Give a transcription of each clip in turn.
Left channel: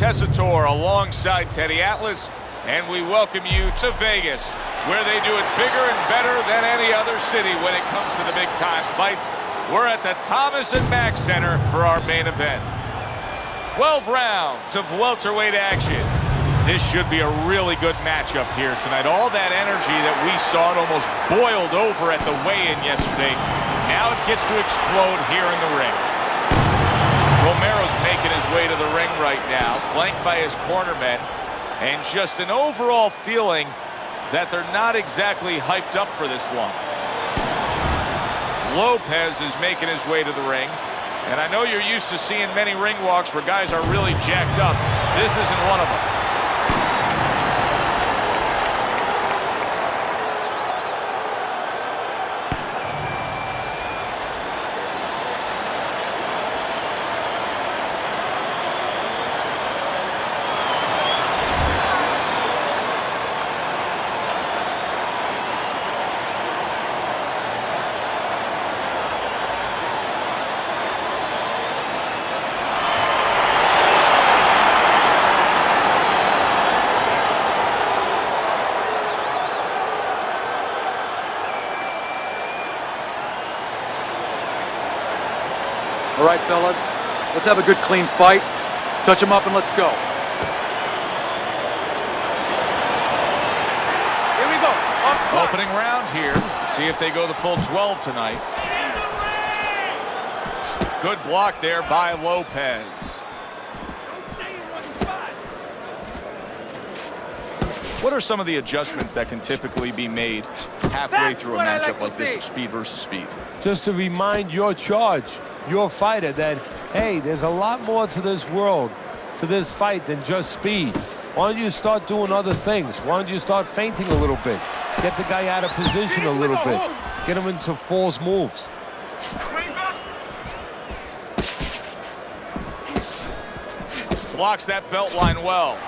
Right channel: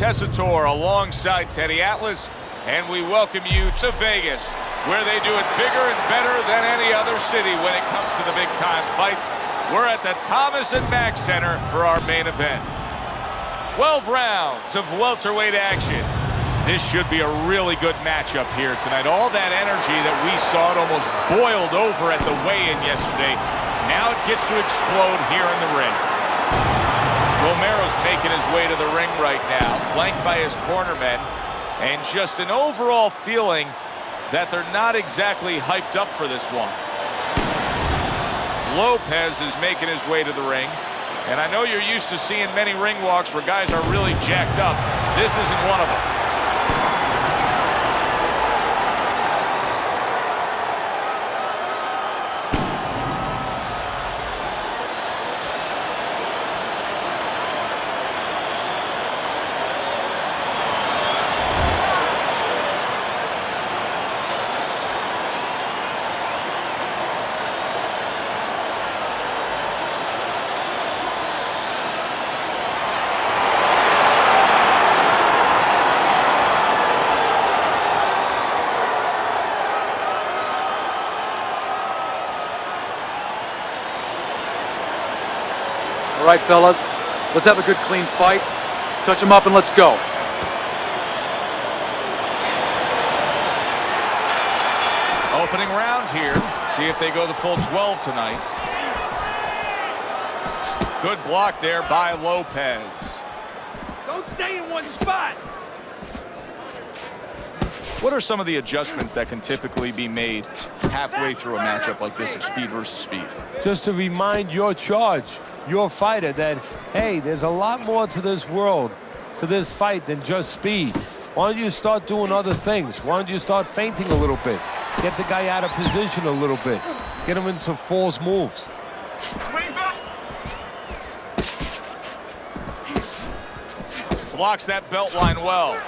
Tessitore alongside Teddy Atlas, and we welcome you to Vegas, where they do it bigger and better than any other city when it comes to the big-time fights. We're at the Thomas & Mack Center for our main event. 12 rounds of welterweight action. This should be a really good matchup here tonight. All that energy that we saw, it almost boiled over at the weigh-in yesterday. Now it gets to explode here in the ring. Romero's making his way to the ring right now, flanked by his cornermen, and just an overall feeling that they're not exactly hyped up for this one. Lopez is making his way to the ring, and I know you're used to seeing many ring walks where guys are really jacked up. This isn't one of them. All right, fellas, let's have a good, clean fight. Touch them up and let's go. Here we go. Opening round here. See if they go the full 12 tonight. Good block there by Lopez. Don't stay in one spot. What are some of the adjustments that can typically be made halfway through a matchup like this of speed versus speed? Just to remind your fighter that, hey, there's a lot more to this world, to this fight than just speed. Why don't you start doing other things? Why don't you start feinting a little bit? Get the guy out of position a little bit. Get him into false moves. Blocks that belt line well.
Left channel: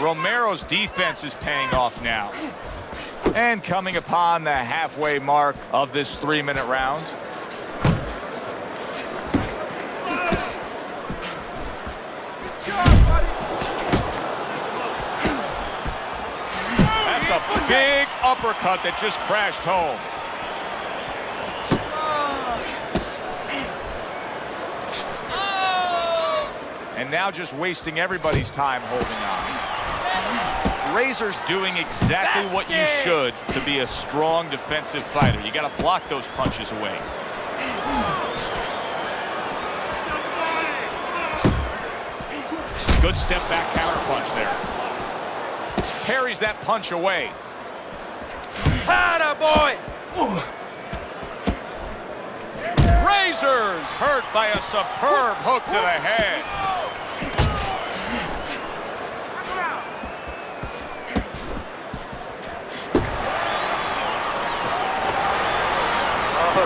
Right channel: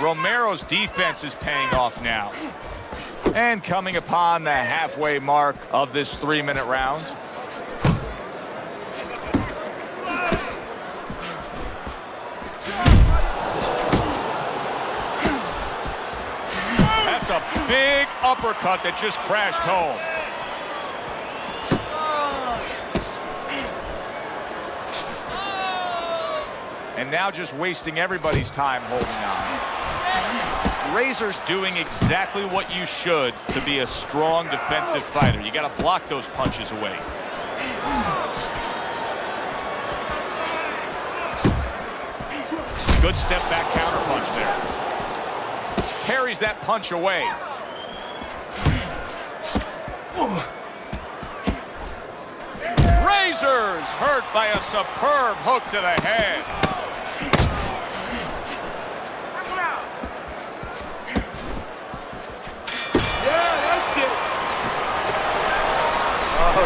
Romero's defense is paying off now. And coming upon the halfway mark of this 3-minute round. That's a big uppercut that just crashed home. And now just wasting everybody's time holding on. Razor's doing exactly what you should to be a strong defensive fighter. You got to block those punches away. Good step back counter punch there. Parries that punch away. Atta boy! Razor's hurt by a superb hook to the head. All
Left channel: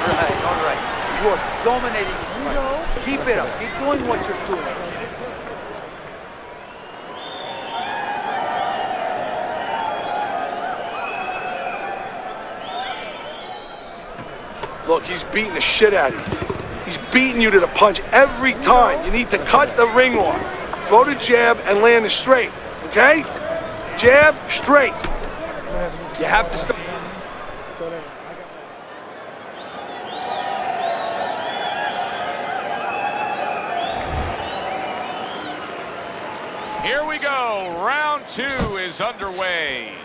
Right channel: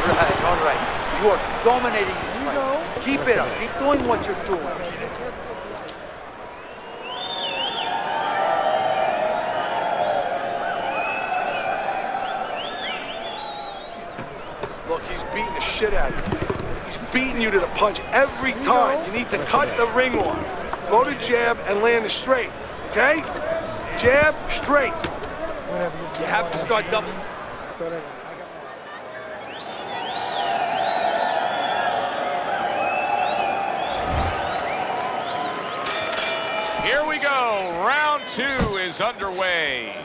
right. You are dominating. You know. Keep it up. Keep doing what you're doing. Look, he's beating the shit out of you. He's beating you to the punch every time. You need to cut the ring off. Throw the jab and land it straight, okay? Jab, straight. You have to start double. Here we go. Round 2 is underway.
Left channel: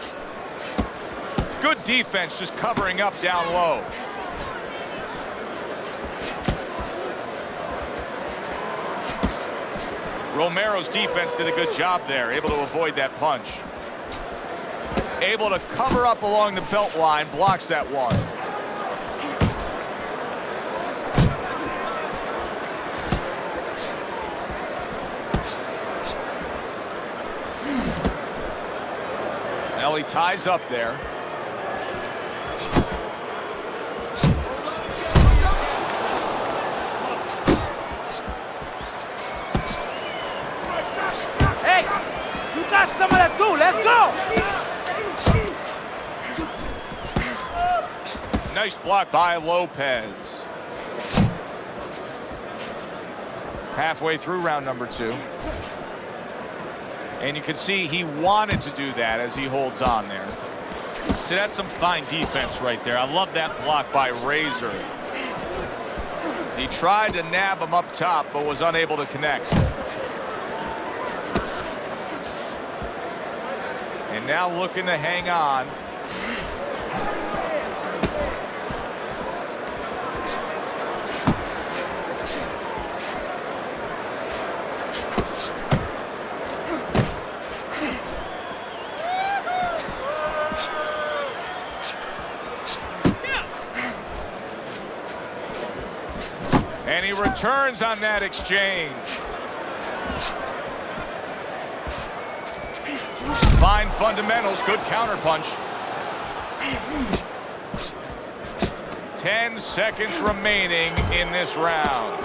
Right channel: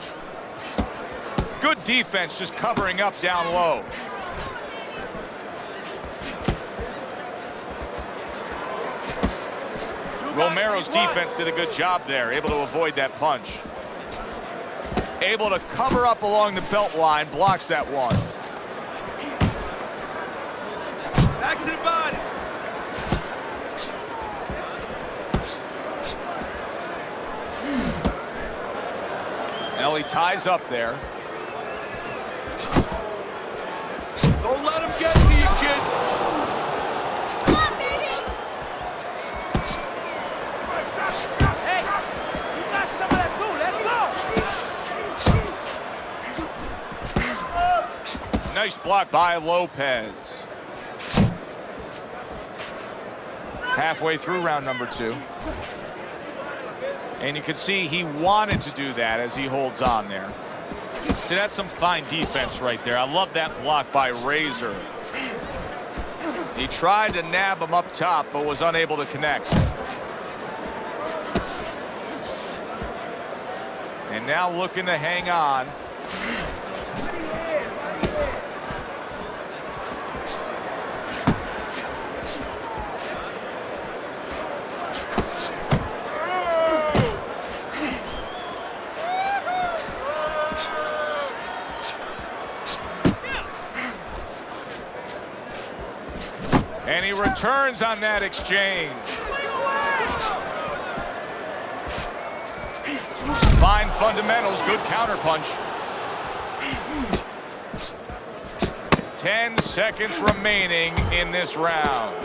Good defense, just covering up down low. Romero's defense did a good job there, able to avoid that punch. Able to cover up along the belt line, blocks that one. Now he ties up there. Don't let him get to you, kid. Hey, Let's go! Nice block by Lopez. Halfway through round number 2. And you can see he wanted to do that as he holds on there. See, that's some fine defense right there. I love that block by Razor. He tried to nab him up top, but was unable to connect. And now looking to hang on. And he returns on that exchange. Fine fundamentals, good counterpunch. 10 seconds remaining in this round.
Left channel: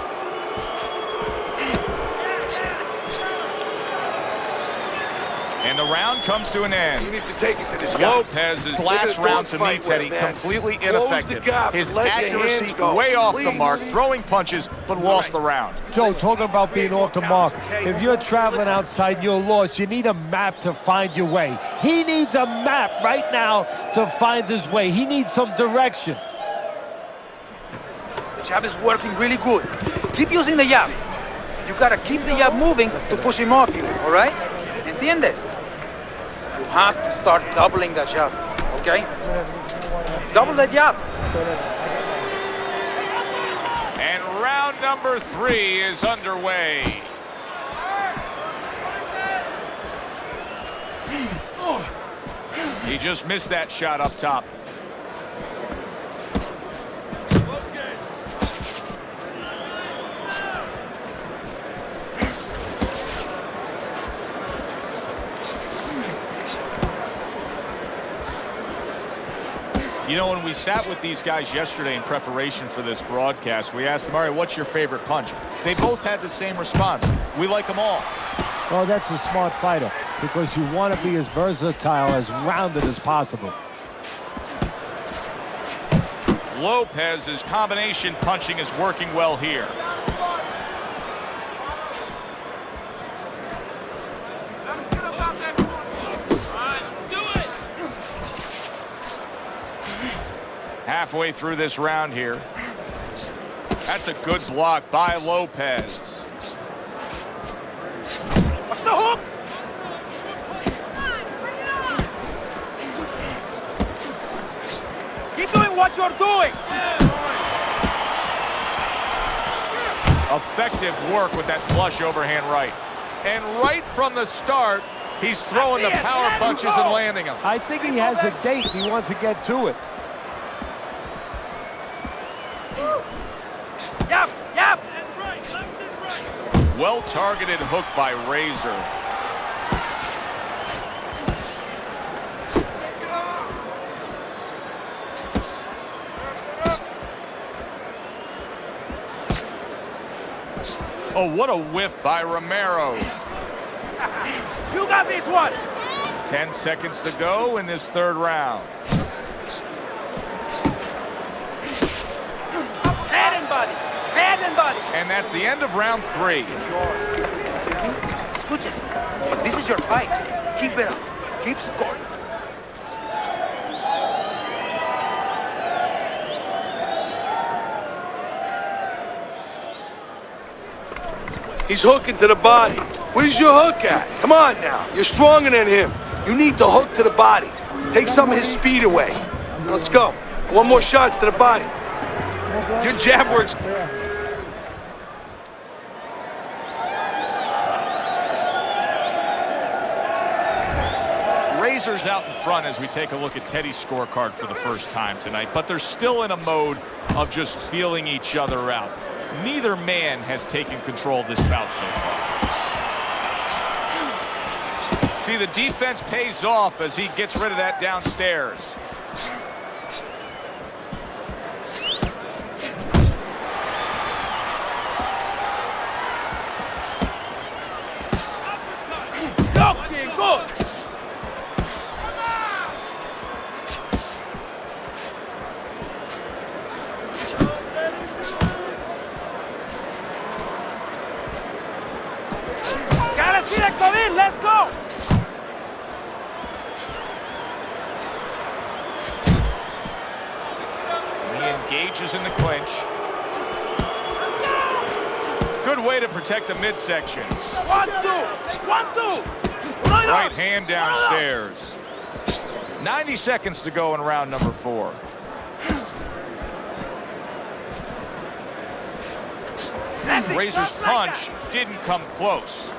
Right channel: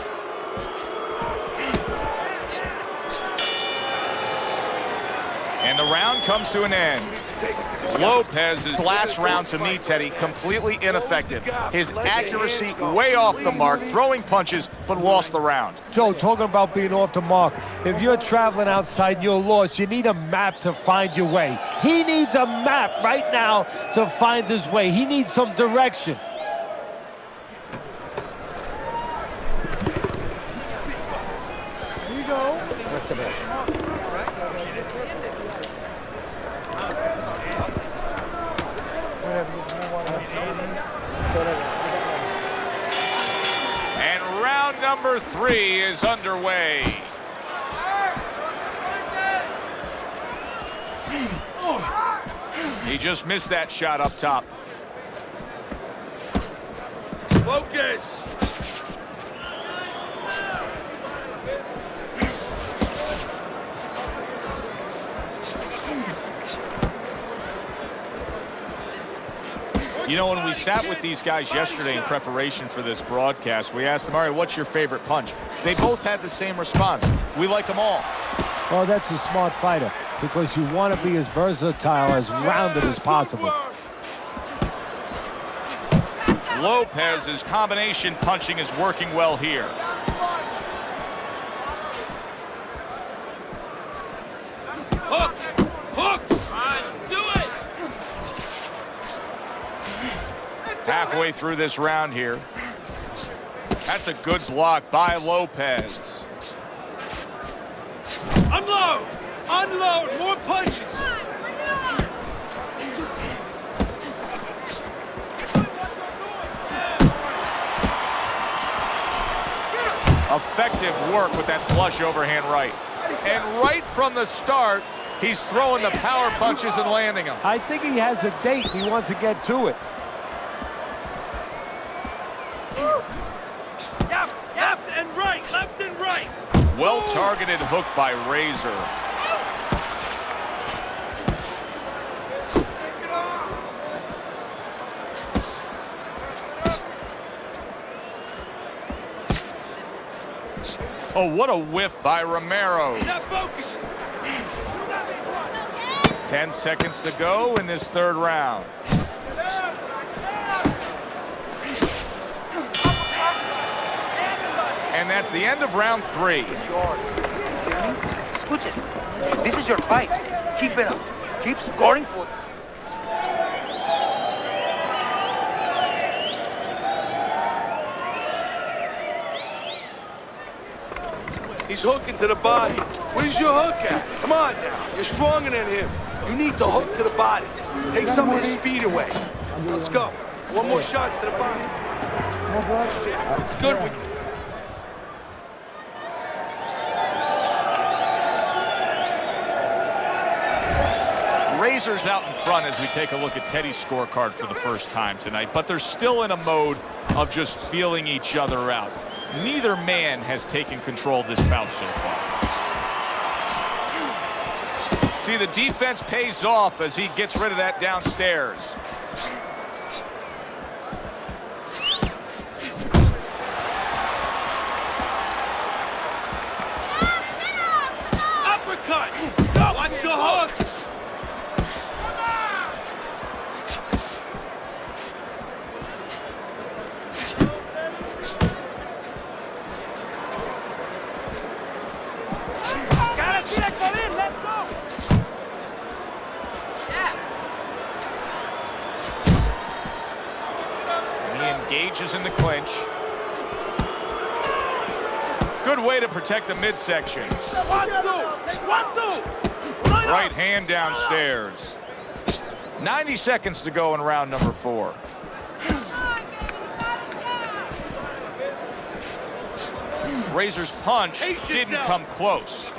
And the round comes to an end. You need to take it to this guy. Lopez's last a round to me, dogfight Teddy, like that. completely Close the ineffective. gap. His Let your accuracy hands go. way off the Please. mark, throwing punches, but lost the round. Joe, talking about being off the mark. If you're traveling outside and you're lost, you need a map to find your way. He needs a map right now to find his way. He needs some direction. The jab is working really good. Keep using the jab. You gotta keep the jab moving to push him off you, all right? ¿Entiendes? You have to start doubling the jab, okay? Double the jab. And round number 3 is underway. He just missed that shot up top. Focus. You know, when we sat with these guys yesterday in preparation for this broadcast, we asked them, all right, what's your favorite punch? They both had the same response. We like them all. Well, that's a smart fighter because you want to be as versatile, as rounded as possible. Lopez's combination punching is working well here. Hook. Hook. Halfway through this round here. That's a good block by Lopez. Unload. Unload. More punches. Bring it on! Keep doing what you're doing! Effective work with that flush overhand right. And right from the start, he's throwing the power punches and landing them. I think he has a date. He wants to get to it. Yap! Yap! And right. Left and right. Well-targeted hook by Razor. Oh, what a whiff by Romero. Now focus. You got this one! 10 seconds to go in this 3rd round. Head and body! Head and body! And that's the end of round 3. Escuchen, this is your fight. Keep it up. Keep scoring for it. He's hooking to the body. Where's your hook at? Come on now. You're stronger than him. You need to hook to the body. Take some of his speed away. Let's go. One more shots to the body. Your jab works good. Razor's out in front as we take a look at Teddy's scorecard for the first time tonight, but they're still in a mode of just feeling each other out. Neither man has taken control of this bout so far. See, the defense pays off as he gets rid of that downstairs. Uppercut. Good. come in, let's go! He engages in the clinch. Good way to protect the midsection. 1, 2, 1, 2. Right hand downstairs. 90 seconds to go in round number 4. Razor's punch didn't come close.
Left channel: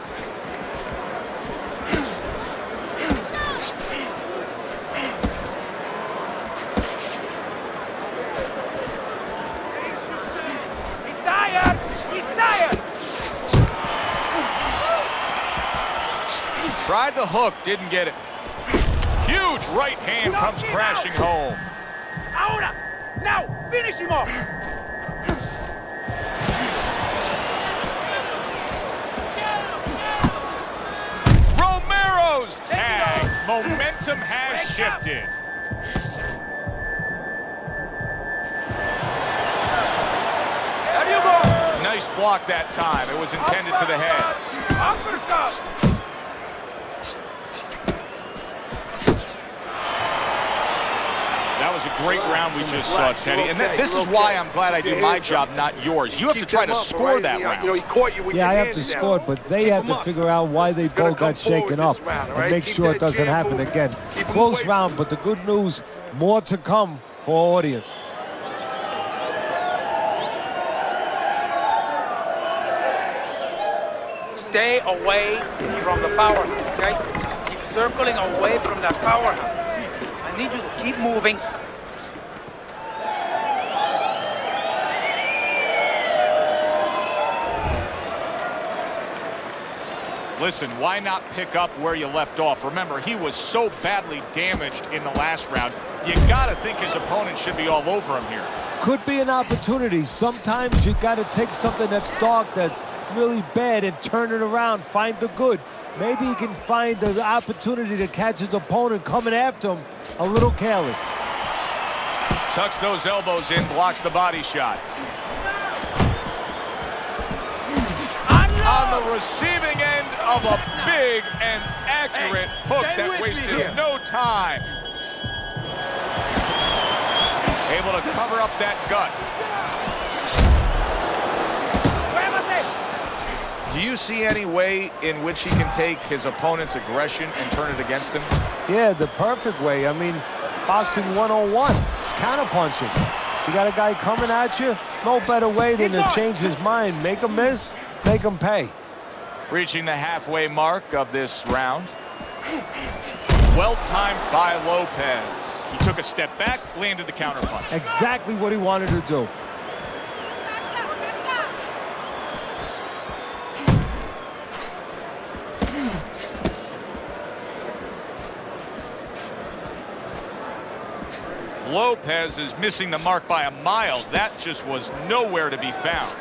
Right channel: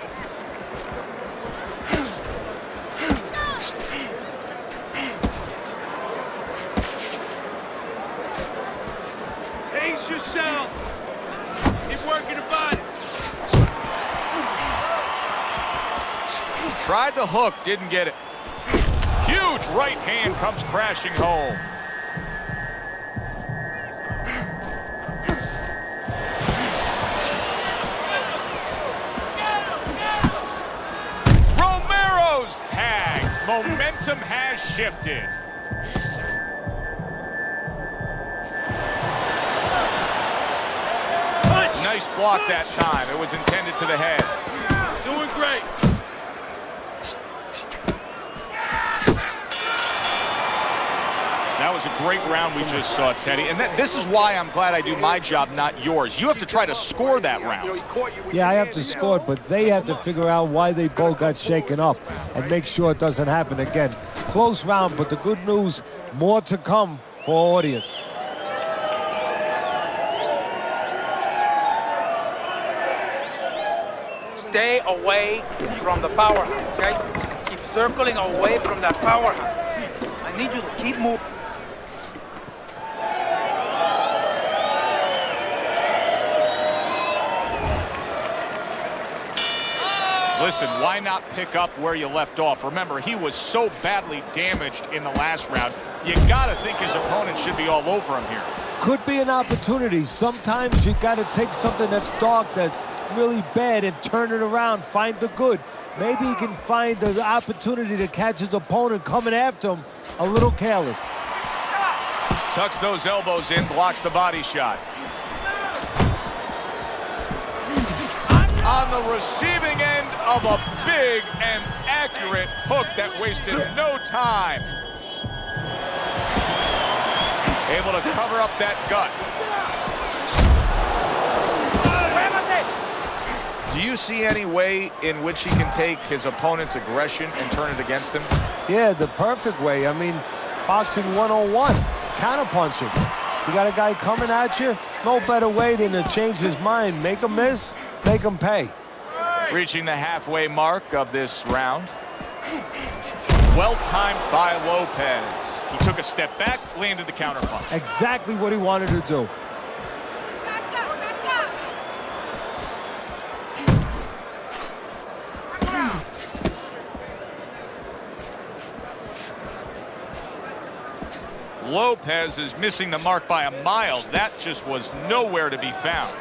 Pace yourself. He's tired! He's tired! Tried the hook, didn't get it. Huge right hand comes crashing home. Ahora! Now! Finish him off! Romero's tag. Momentum has shifted. How do you go punch? Nice block that time. It was intended to the head. I'm doing great. That was a great round we just saw, Teddy. And this is why I'm glad I do my job, not yours. You have to try to score that round. You know, he caught you with Yeah, your I have hands to down. score it, but they have to figure out why they both got shaken up and make sure it doesn't happen again. Close round, but the good news, more to come for audience. Stay away from the power, okay? Keep circling away from that power. I need you to keep moving. Listen, why not pick up where you left off? Remember, he was so badly damaged in the last round. You gotta think his opponent should be all over him here. Could be an opportunity. Sometimes you got to take something that's dark, that's really bad, and turn it around, find the good. Maybe he can find the opportunity to catch his opponent coming after him a little careless. Tucks those elbows in, blocks the body shot. On the receiving end of a big and accurate hook that wasted no time. Able to cover up that gut. Do you see any way in which he can take his opponent's aggression and turn it against him? Yeah, the perfect way. I mean, boxing 101, counterpunching. You got a guy coming at you, no better way than to change his mind. Make him miss, make him pay. Reaching the halfway mark of this round. Well timed by Lopez. He took a step back, landed the counterpunch. Exactly what he wanted to do. Lopez is missing the mark by a mile. That just was nowhere to be found.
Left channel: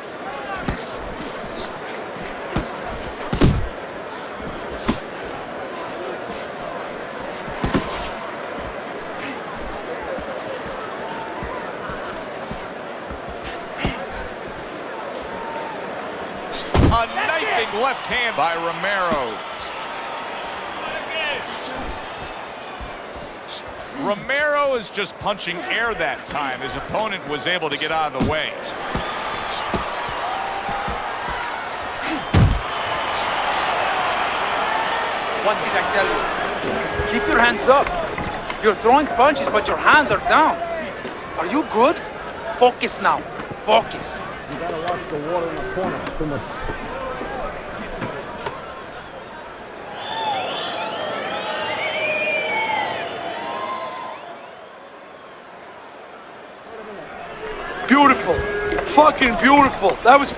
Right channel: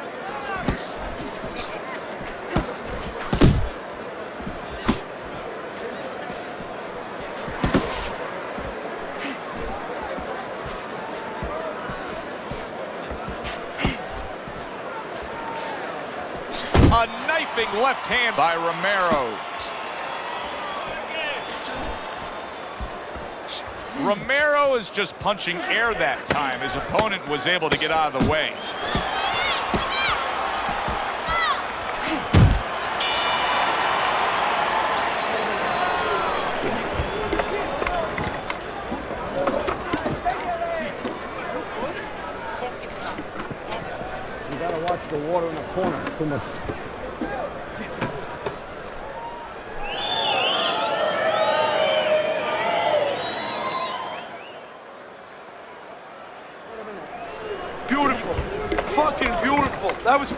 A knifing left hand by Romero. Romero is just punching air that time. His opponent was able to get out of the way. One thing I tell you, keep your hands up. You're throwing punches, but your hands are down. Are you good? Focus now. Focus. You gotta watch the water in the corner. Too much. Beautiful. Fucking beautiful. That was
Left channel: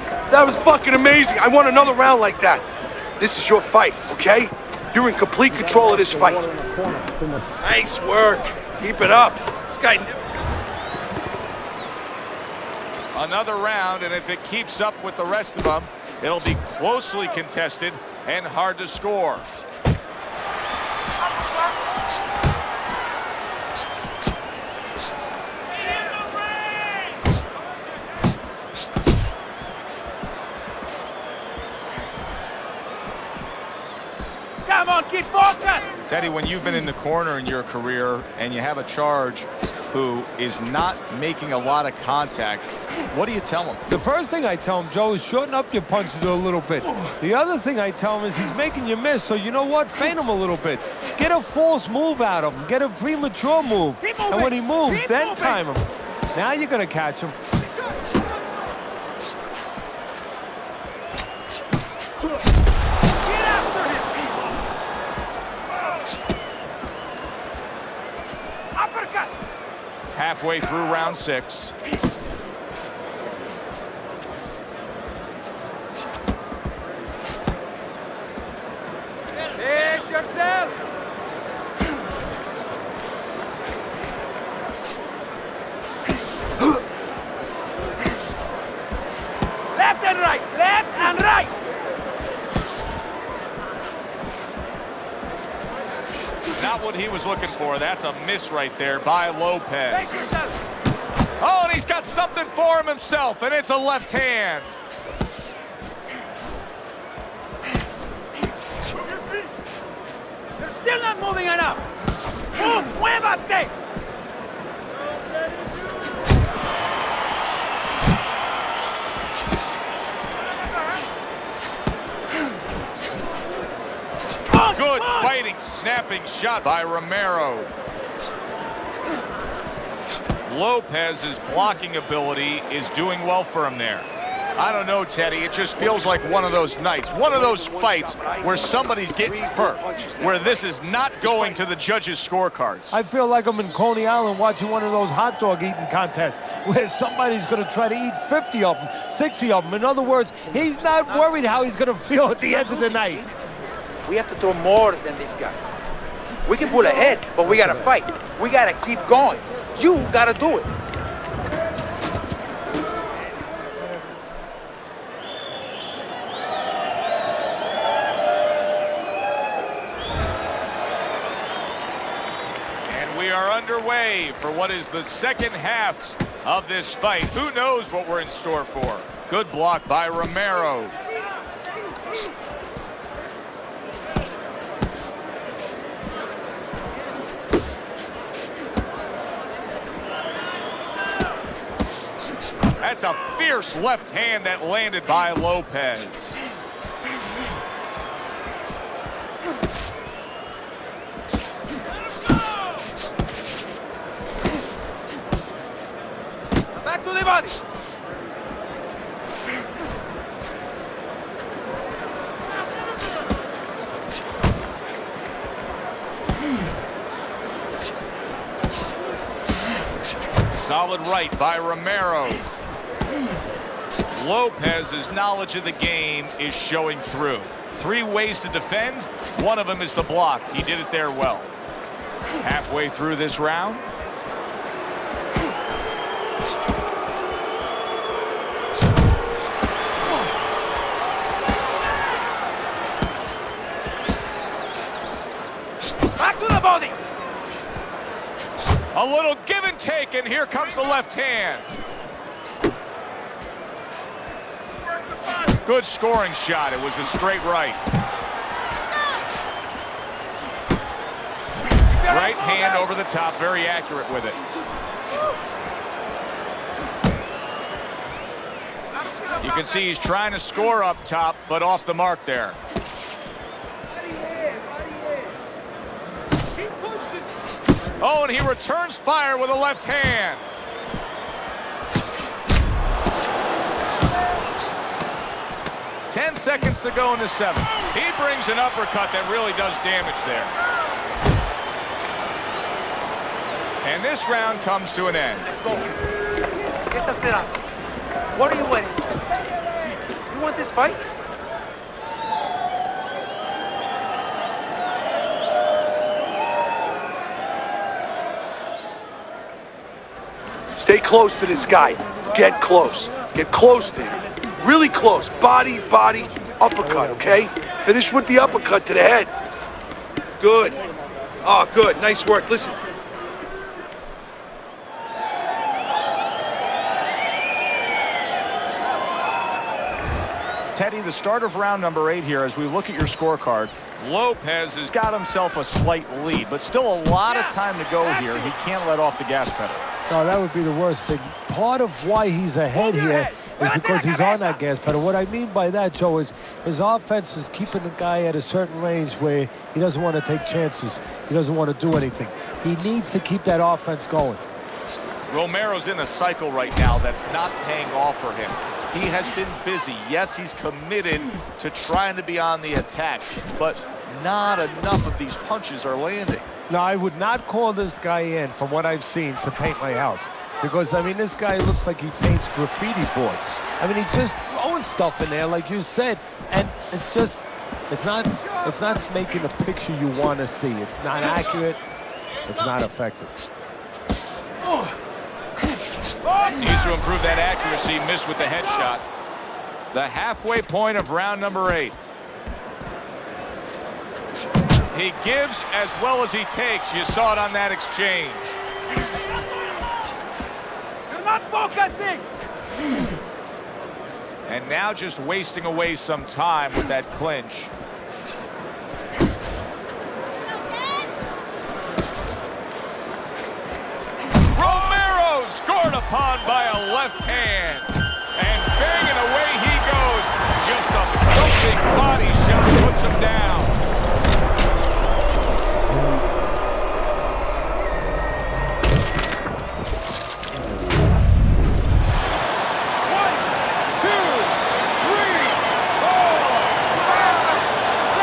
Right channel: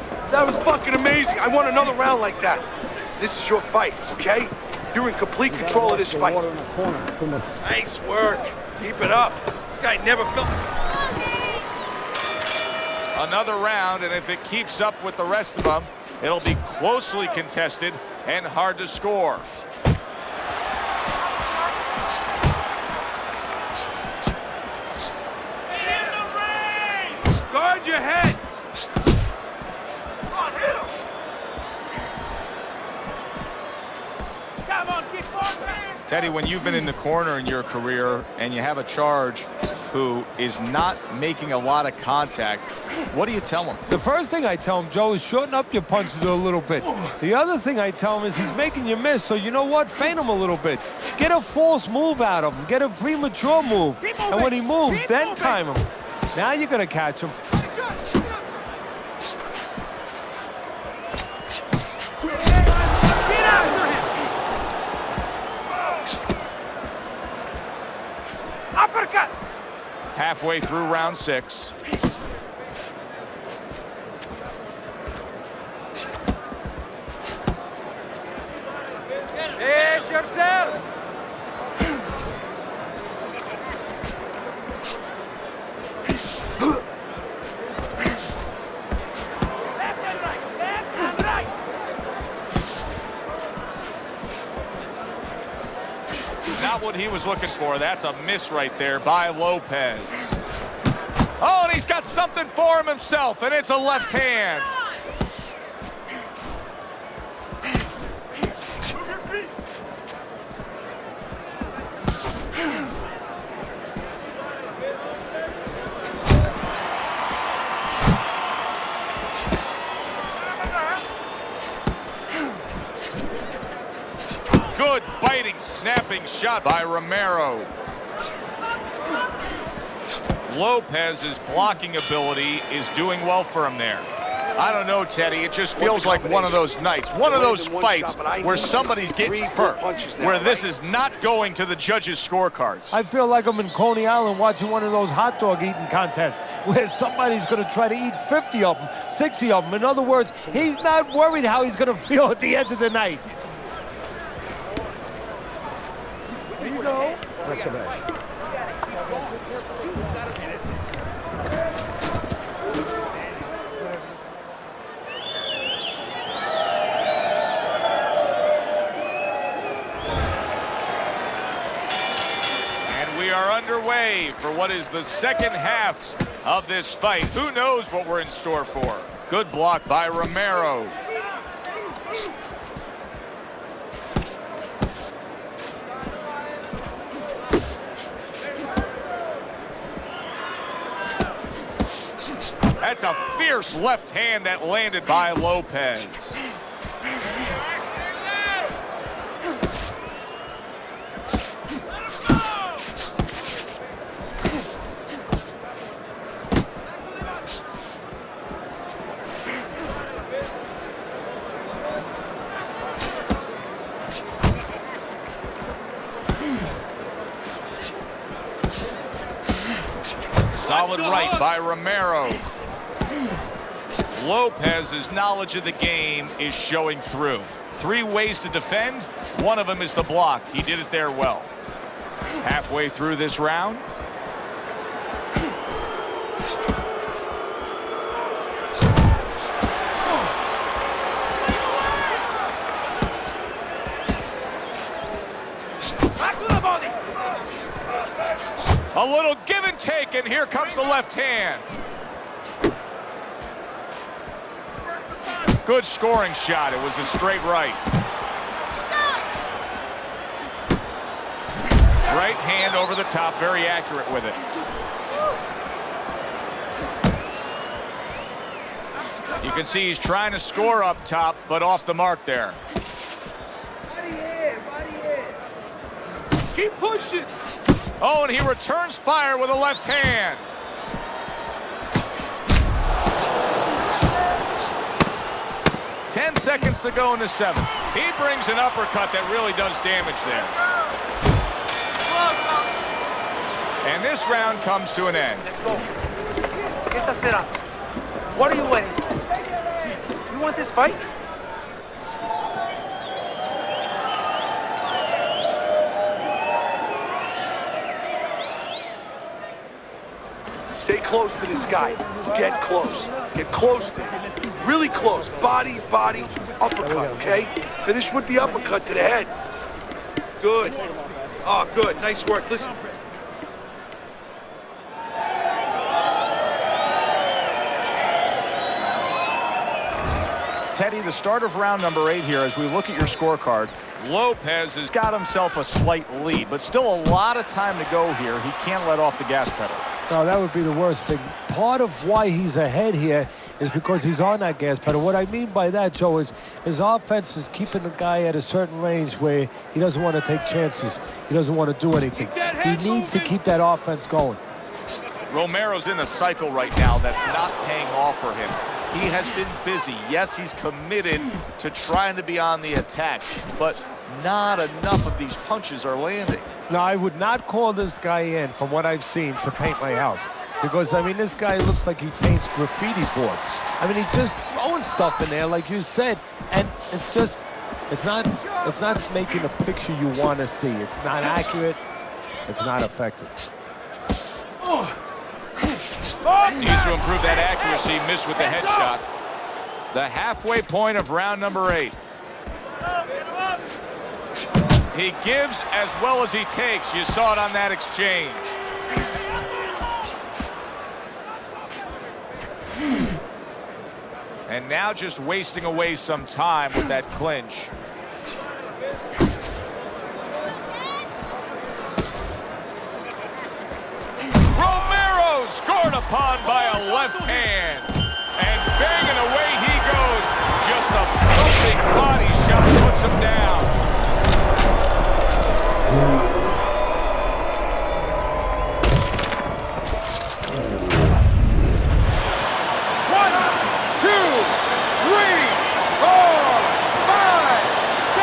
fucking amazing. I want another round like that. This is your fight, okay? You're in complete control of this fight. Water in the corner. Too much. Nice work. Keep it up. This guy never felt. Another round, and if it keeps up with the rest of them, it'll be closely contested and hard to score. Guard your head. Come on, kid, focus! Teddy, when you've been in the corner in your career and you have a charge who is not making a lot of contact, what do you tell him? The first thing I tell him, Joe, is shorten up your punches a little bit. The other thing I tell him is he's making you miss, so you know what? Feint him a little bit. Get a false move out of him. Get a premature move. And when he moves, then time him. Now you're going to catch him. Get after him! Uppercut! Halfway through round 6. Pace yourself! Left and right! Left and right! Not what he was looking for. That's a miss right there by Lopez. Oh, and he's got something for him himself, and it's a left hand. Move your feet! You're still not moving enough! Move! Muévate! Good biting, snapping shot by Romero. Lopez's blocking ability is doing well for him there. I don't know, Teddy. It just feels like one of those nights, one of those fights where somebody's getting hurt, where this is not going to the judges' scorecards. I feel like I'm in Coney Island watching one of those hot dog eating contests where somebody's going to try to eat 50 of them, 60 of them. In other words, he's not worried how he's going to feel at the end of the night. We have to do more than this guy. We can pull ahead, but we gotta fight. We gotta keep going. You gotta do it. And we are underway for what is the second half of this fight. Who knows what we're in store for? Good block by Romero. That's a fierce left hand that landed by Lopez. Back to the body! Solid right by Romero. Lopez's knowledge of the game is showing through. 3 ways to defend. One of them is to block. He did it there well. Halfway through this round. Back to the body! A little give and take, and here comes the left hand. Good scoring shot. It was a straight right. Right hand over the top, very accurate with it. You can see he's trying to score up top, but off the mark there. Keep pushing! Oh, and he returns fire with a left hand. Ten seconds to go in the 7th. He brings an uppercut that really does damage there. And this round comes to an end. Let's go. ¿Qué estás esperando? What are you waiting? You want this fight? Stay close to this guy. Get close. Get close to him. Really close. Body, body, uppercut, okay? Finish with the uppercut to the head. Good. Oh, good. Nice work. Listen. Teddy, the start of round number 8 here, as we look at your scorecard, Lopez has got himself a slight lead, but still a lot of time to go here. He can't let off the gas pedal. No, that would be the worst thing. Part of why he's ahead here is because he's on that gas pedal. What I mean by that, Joe, is his offense is keeping the guy at a certain range where he doesn't want to take chances. He doesn't want to do anything. He needs to keep that offense going. Romero's in a cycle right now that's not paying off for him. He has been busy. Yes, he's committed to trying to be on the attack, but not enough of these punches are landing. No, I would not call this guy in, from what I've seen, to paint my house. Because, I mean, this guy looks like he paints graffiti boards. I mean, he's just throwing stuff in there, like you said, and it's just, it's not making a picture you want to see. It's not accurate. It's not effective. Needs to improve that accuracy. Missed with the headshot. The halfway point of round number 8. He gives as well as he takes. You saw it on that exchange. You're not focusing. And now just wasting away some time with that clinch. Romero scored upon by a left hand. And banging away he goes. Just a thumping body shot puts him down.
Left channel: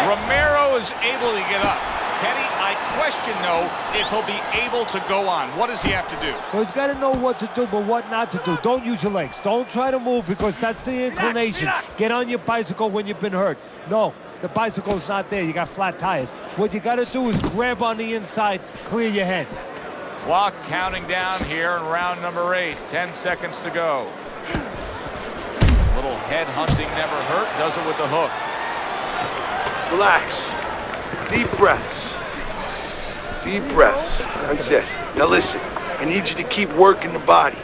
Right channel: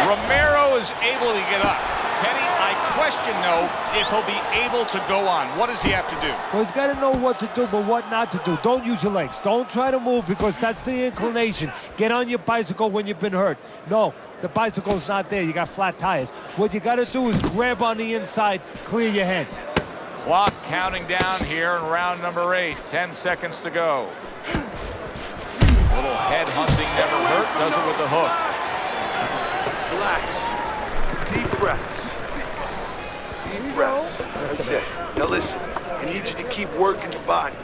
Romero is able to get up. Teddy, I question, though, if he'll be able to go on. What does he have to do? Well, he's got to know what to do, but what not to do. Don't use your legs. Don't try to move, because that's the inclination. Get on your bicycle when you've been hurt. No, the bicycle's not there. You got flat tires. What you got to do is grab on the inside, clear your head. Clock counting down here in round number 8. 10 seconds to go. Little head hunting never hurt. Does it with the hook. Relax. Deep breaths. Deep breaths. That's it. Now listen, I need you to keep working the body.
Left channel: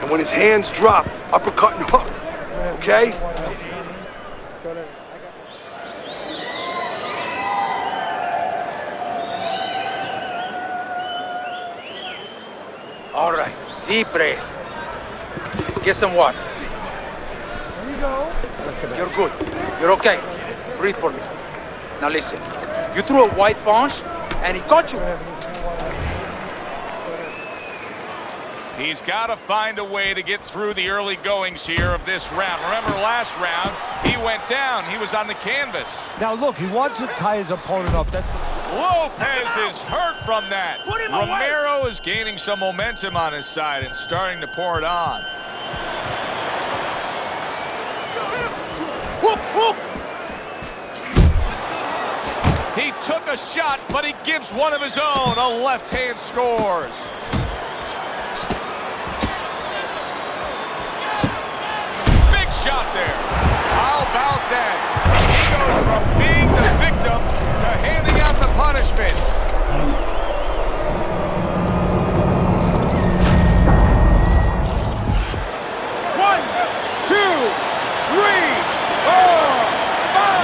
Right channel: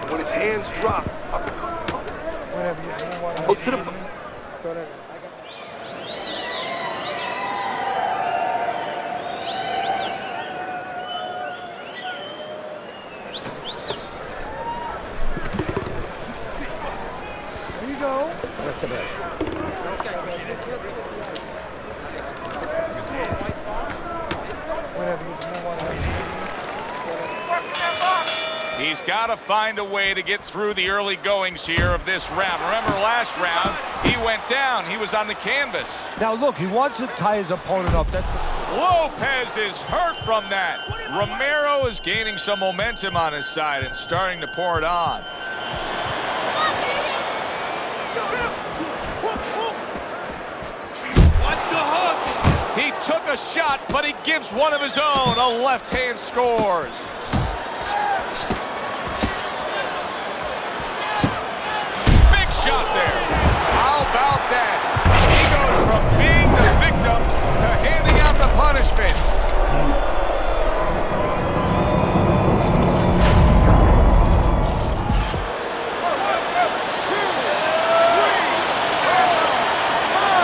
And when his hands drop, uppercut and hook. Okay? Hook to the... All right, deep breath. Get some water. There you go. You're good. You're okay. Breathe for me. Now listen, you threw a white punch and he caught you. He's got to find a way to get through the early goings here of this round. Remember last round, he went down. He was on the canvas. Now, look, he wants to tie his opponent up. That's the... Lopez is hurt from that. Romero is gaining some momentum on his side and starting to pour it on. He took a shot, but he gives one of his own. A left hand scores. Big shot there. How about that? He goes from being the victim to handing out the punishment.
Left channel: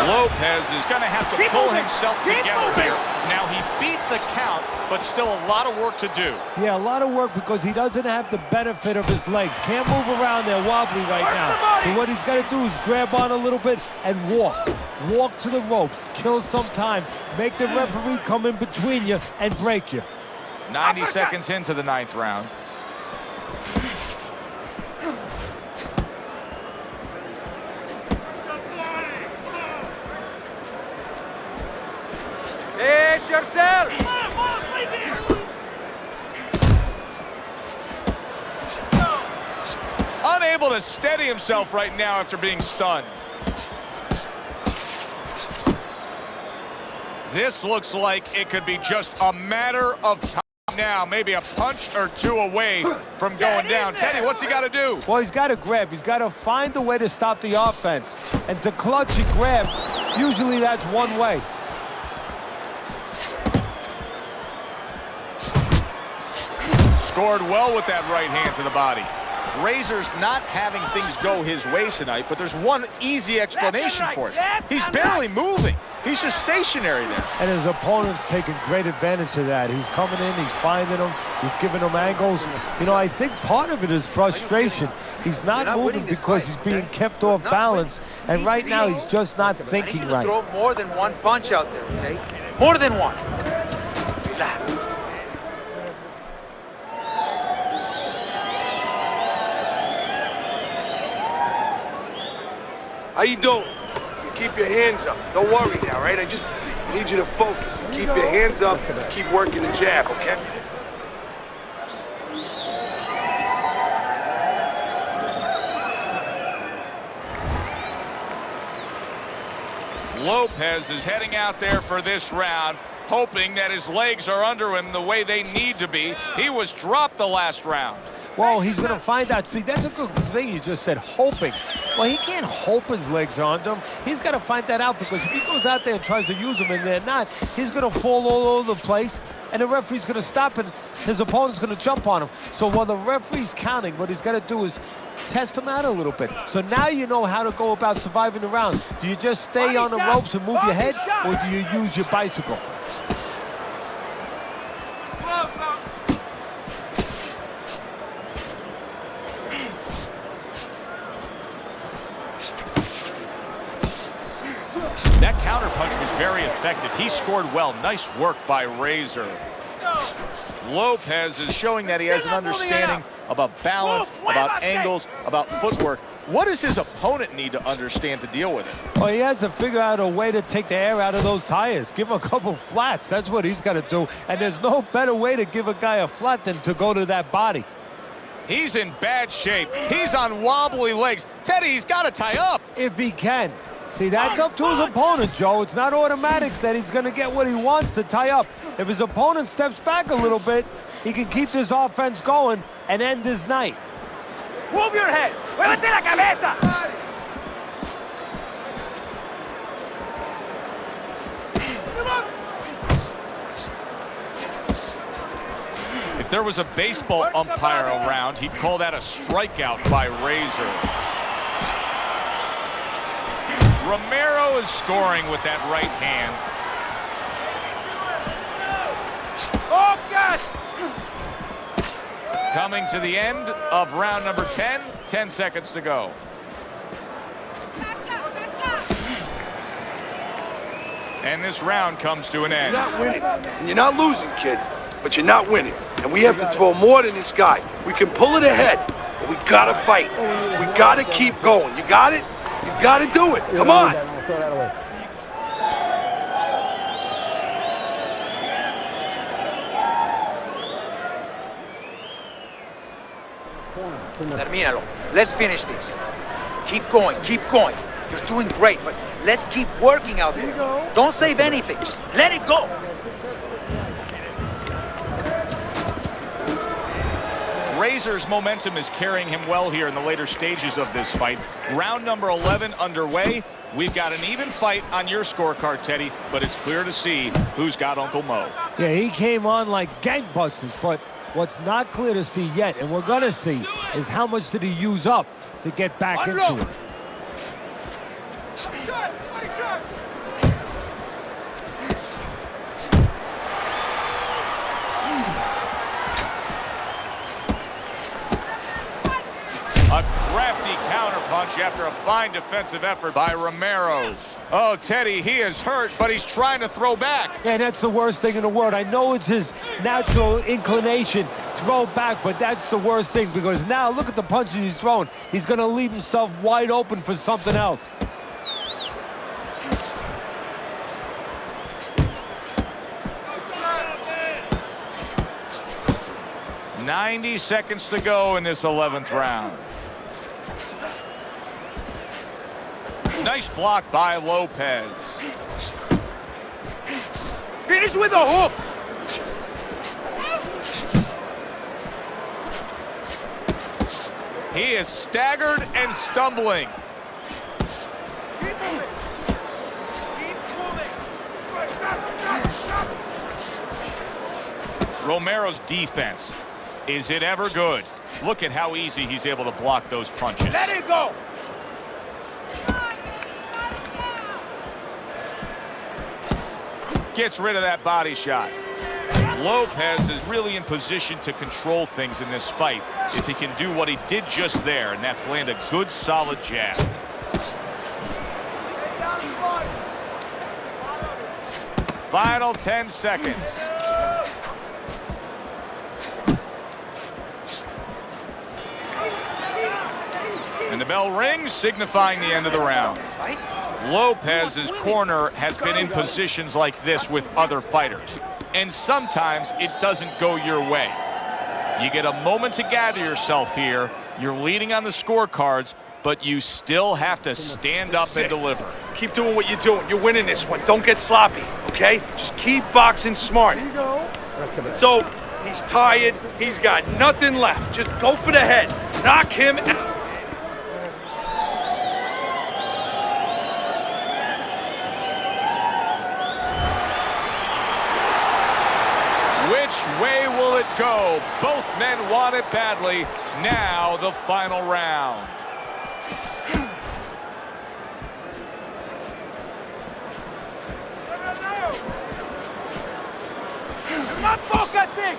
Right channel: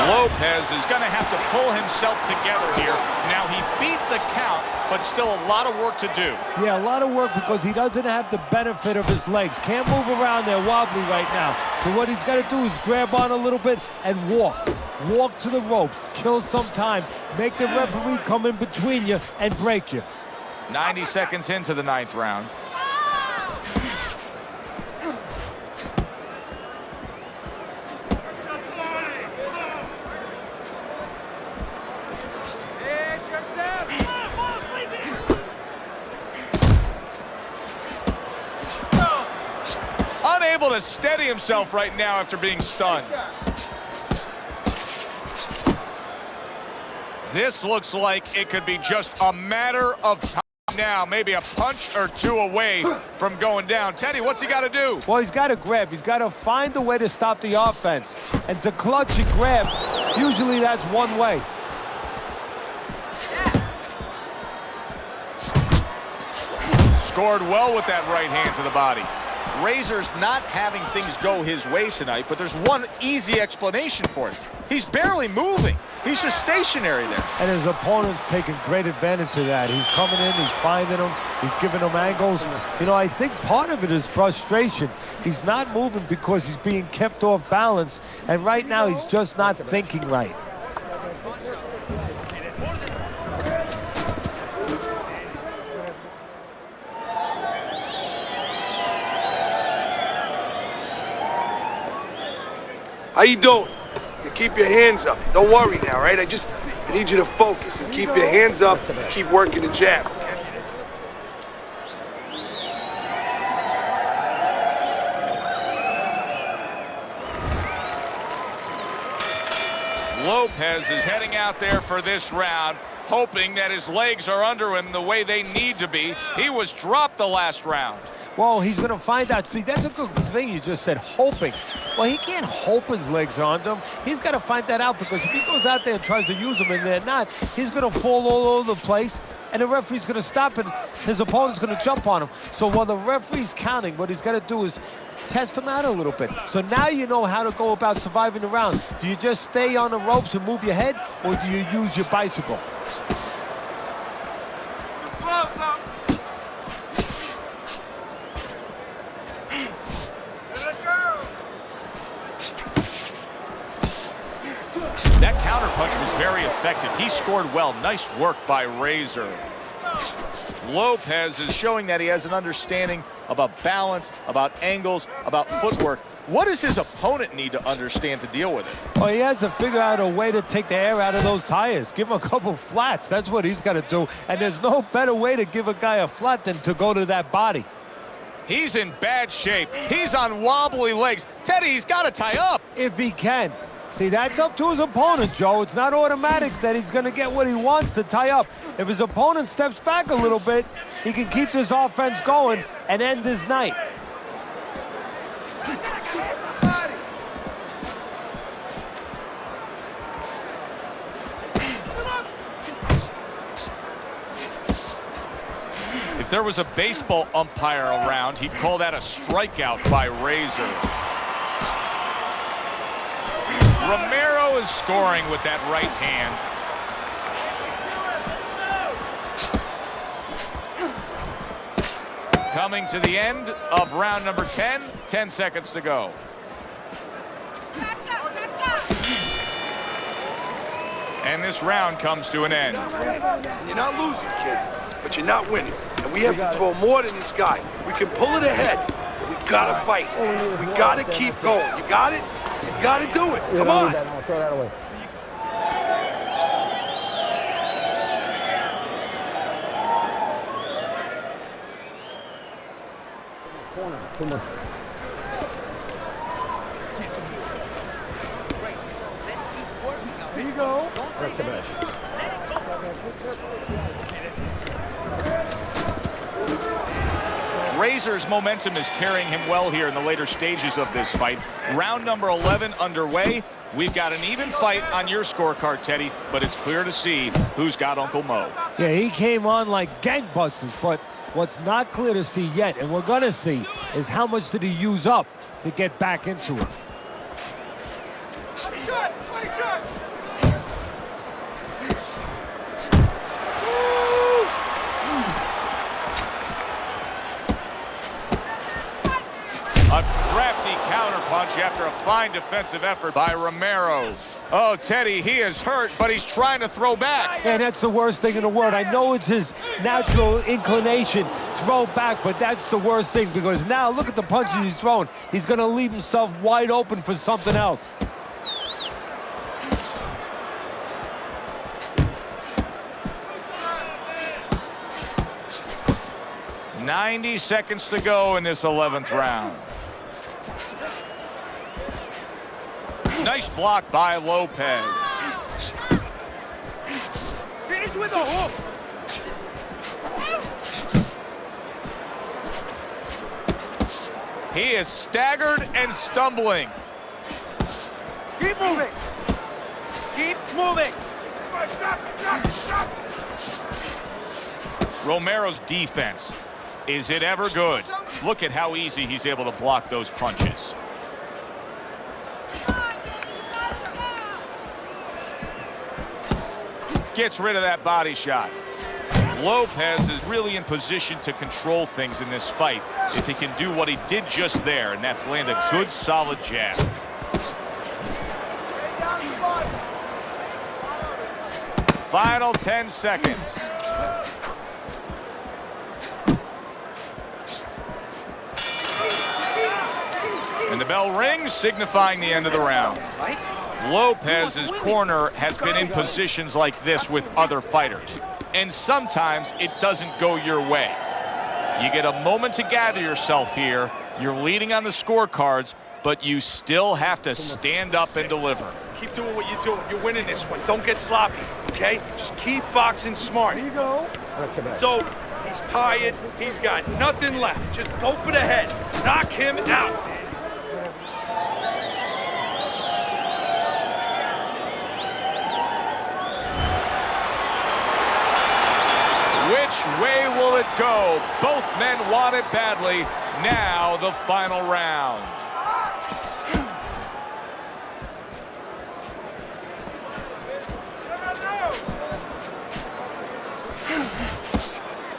Lopez is going to have to pull himself together here. Now, he beat the count, but still a lot of work to do. Yeah, a lot of work because he doesn't have the benefit of his legs. Can't move around there wobbly right now. So what he's got to do is grab on a little bit and walk. Walk to the ropes, kill some time, make the referee come in between you and break you. 90 seconds into the 9th round. Pace yourself. Unable to steady himself right now after being stunned. This looks like it could be just a matter of time now. Maybe a punch or two away from going down. Teddy, what's he got to do? Well, he's got to grab. He's got to find a way to stop the offense. And to clutch and grab, usually that's one way. Scored well with that right hand to the body. Razor's not having things go his way tonight, but there's one easy explanation for it. He's barely moving. He's just stationary there. And his opponent's taking great advantage of that. He's coming in, he's finding them, he's giving them angles. You know, I think part of it is frustration. He's not moving because he's being kept off balance, and right now he's just not thinking right. Throw more than one punch out there. More than one. How you doing? You keep your hands up. Don't worry now, right? I just need you to focus and keep your hands up. Keep working the jab, okay? Lopez is heading out there for this round, hoping that his legs are under him the way they need to be. He was dropped the last round. Well, he's going to find out. See, that's a good thing you just said, hoping. Well, he can't hope his legs are under him. He's got to find that out, because if he goes out there and tries to use them and they're not, he's going to fall all over the place, and the referee's going to stop, and his opponent's going to jump on him. So while the referee's counting, what he's got to do is test him out a little bit. So now you know how to go about surviving the round. Do you just stay on the ropes and move your head, or do you use your bicycle? That counterpunch was very effective. He scored well. Nice work by Razor. Lopez is Showing that he has an understanding about balance, about angles, about footwork. What does his opponent need to understand to deal with it? Well, he has to figure out a way to take the air out of those tires. Give him a couple flats. That's what he's got to do. And there's no better way to give a guy a flat than to go to that body. He's in bad shape. He's on wobbly legs. Teddy, he's got to tie up. If he can. See, that's up to his opponent, Joe. It's not automatic that he's going to get what he wants to tie up. If his opponent steps back a little bit, he can keep this offense going and end his night. Move your head. Muévete la cabeza. If there was a baseball umpire around, he'd call that a strikeout by Razor. Romero is scoring with that right hand. Coming to the end of round number 10, 10 seconds to go. And this round comes to an end. You're not winning, and you're not losing, kid, but you're not winning. And we have to throw more than this guy. We can pull it ahead, but we gotta fight. We gotta keep going. You got it? You gotta do it. Come on. Throw that away. Termínalo. Let's finish this. Keep going, keep going. You're doing great, but let's keep working out there. Here you go. Don't save anything. Just let it go. Razor's momentum is carrying him well here in the later stages of this fight. Round number 11 underway. We've got an even fight on your scorecard, Teddy, but it's clear to see who's got Uncle Mo. Yeah, he came on like gangbusters, but what's not clear to see yet, and we're going to see, is how much did he use up to get back into it. A crafty counterpunch after a fine defensive effort by Romero. Oh, Teddy, he is hurt, but he's trying to throw back. And that's the worst thing in the world. I know it's his natural inclination, throw back, but that's the worst thing, because now look at the punches he's throwing. He's going to leave himself wide open for something else. "90 seconds to go in this 11th round. Nice block by Lopez. Finish with a hook. He is staggered and stumbling. Keep moving. Keep moving. Romero's defense, is it ever good? Look at how easy he's able to block those punches. Let it go. gets rid of that body shot. Lopez is really in position to control things in this fight if he can do what he did just there, and that's land a good, solid jab. Final 10 seconds. And the bell rings, signifying the end of the round. Lopez's corner has been in positions like this with other fighters, and sometimes it doesn't go your way. You get a moment to gather yourself here. You're leading on the scorecards, but you still have to stand up and deliver. Keep doing what you're doing. You're winning this one. Don't get sloppy, okay? Just keep boxing smart. Here you go. So he's tired. He's got nothing left. Just go for the head. Knock him out. Which way will it go? Both men want it badly. Now the final round. Not focusing!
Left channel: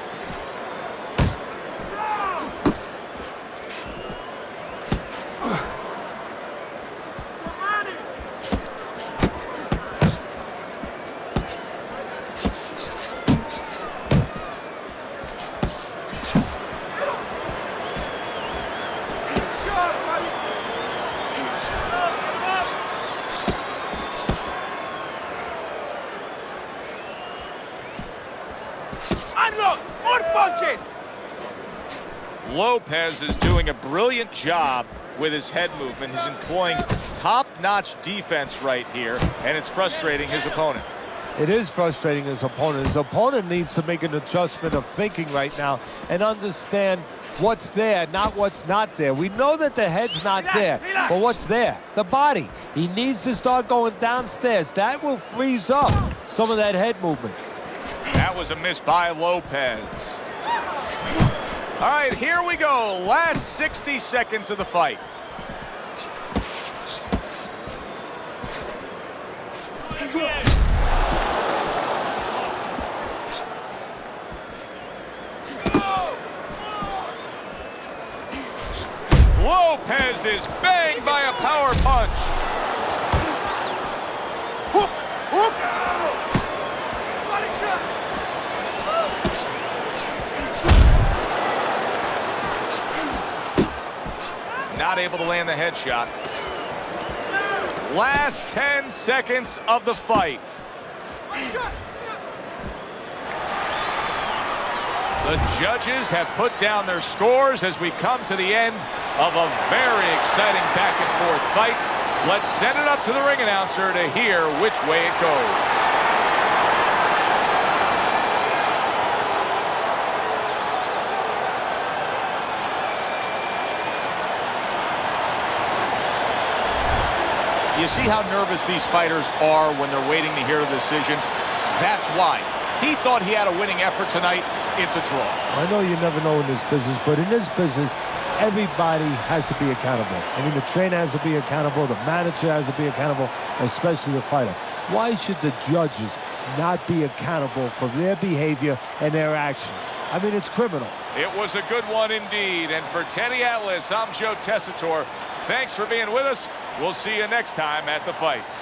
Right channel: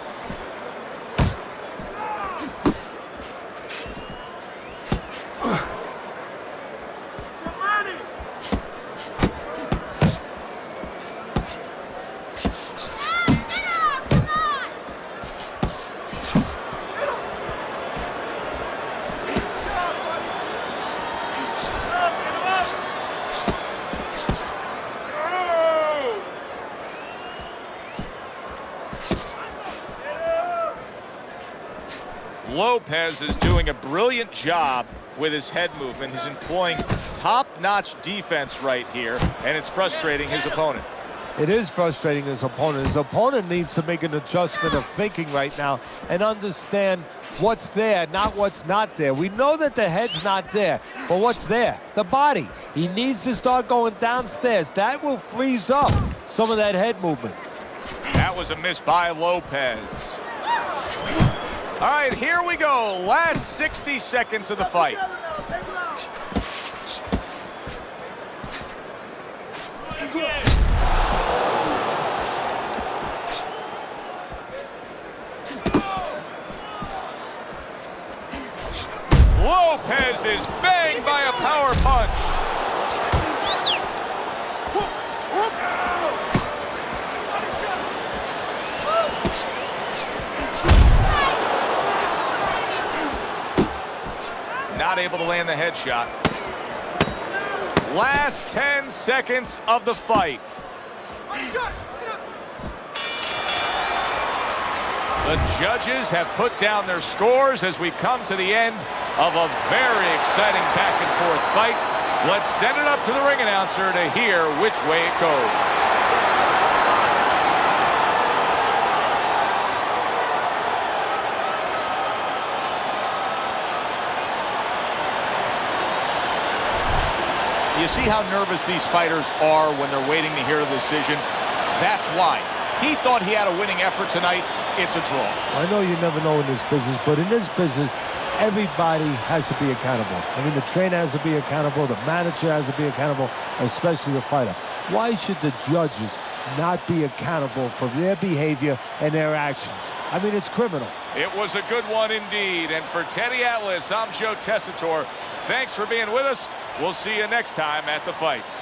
Lopez is doing a brilliant job with his head movement. He's employing top-notch defense right here, and it's frustrating his opponent. It is frustrating his opponent. His opponent needs to make an adjustment of thinking right now and understand what's there, not what's not there. We know that the head's not there, but what's there? The body. He needs to start going downstairs. That will freeze up some of that head movement. That was a miss by Lopez. All right, here we go. Last 60 seconds of the fight. Lopez is banged by a power punch. Hook! Hook! Not able to land the headshot. Last 10 seconds of the fight. The judges have put down their scores as we come to the end of a very exciting back-and-forth fight. Let's send it up to the ring announcer to hear which way it goes. You see how nervous these fighters are when they're waiting to hear the decision? That's why. He thought he had a winning effort tonight. It's a draw. I know you never know in this business, but in this business, everybody has to be accountable. I mean, the trainer has to be accountable, the manager has to be accountable, especially the fighter. Why should the judges not be accountable for their behavior and their actions? I mean, it's criminal. It was a good one indeed. And for Teddy Atlas, I'm Joe Tessitore. Thanks for being with us. We'll see you next time at the fights.